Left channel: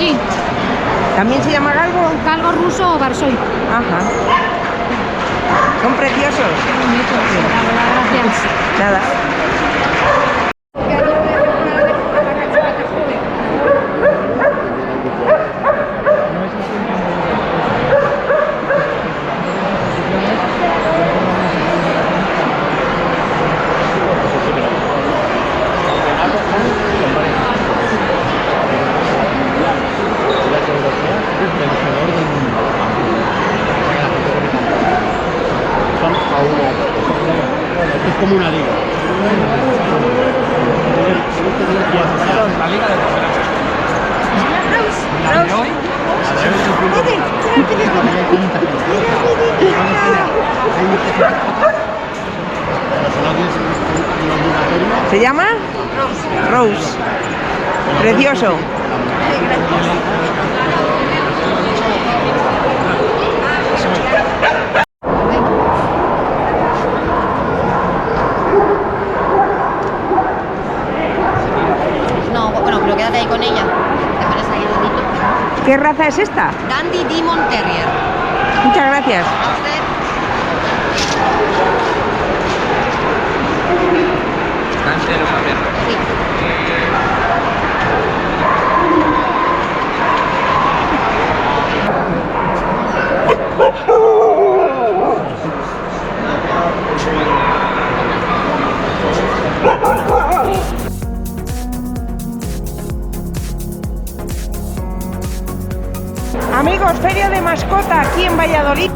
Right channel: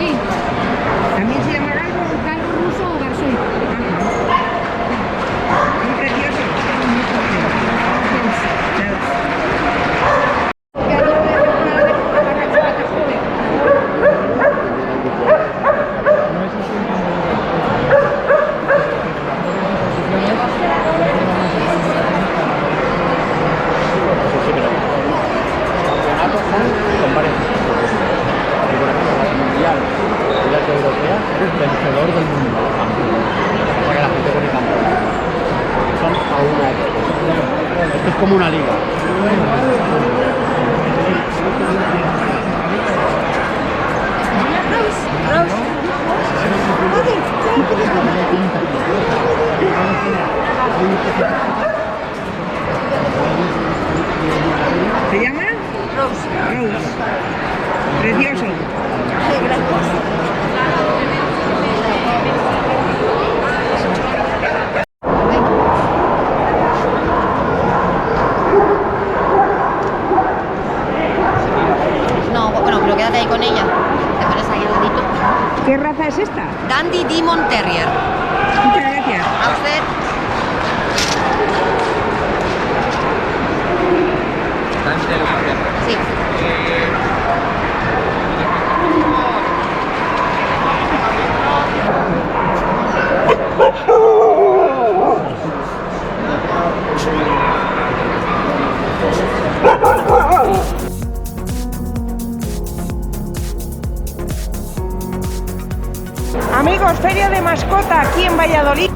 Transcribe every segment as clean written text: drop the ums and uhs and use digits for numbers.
Sí. ¿También se llama galgo? Galgo ruso o barsón. Ajá. Son preciosos. Gracias. Nada. Es como una liga. ¿Se llama? Rose. Rose. Precioso. No, bueno, pero quédate ahí con ella. Te pones ahí al ladito. ¿Qué raza es esta? Dandy Demon Terrier. Muchas gracias. A usted. Sí. Amigos, feria de mascota aquí en Valladolid.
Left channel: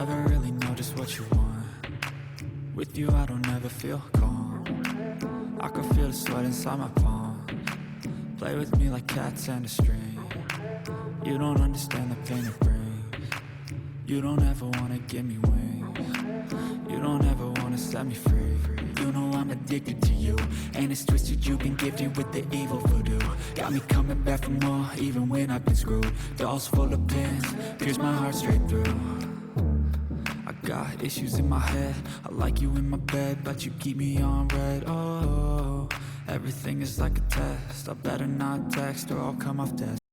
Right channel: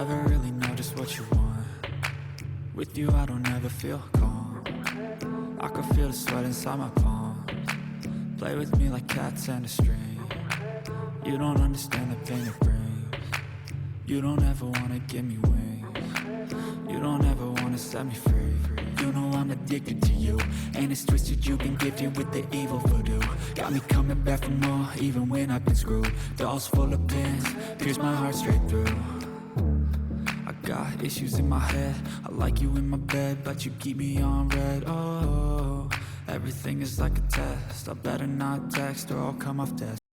never really know just what you want. With you I don't ever feel calm. I can feel the sweat inside my palms. Play with me like cats and a string. You don't understand the pain it brings. You don't ever wanna give me wings. You don't ever wanna set me free. You know I'm addicted to you, and it's twisted, you've been gifted with the evil voodoo. Got me coming back for more, even when I've been screwed. Dolls full of pins, pierce my heart straight through. I got issues in my head, I like you in my bed, but you keep me on red. Oh, everything is like a test, I better not text or I'll come off desk.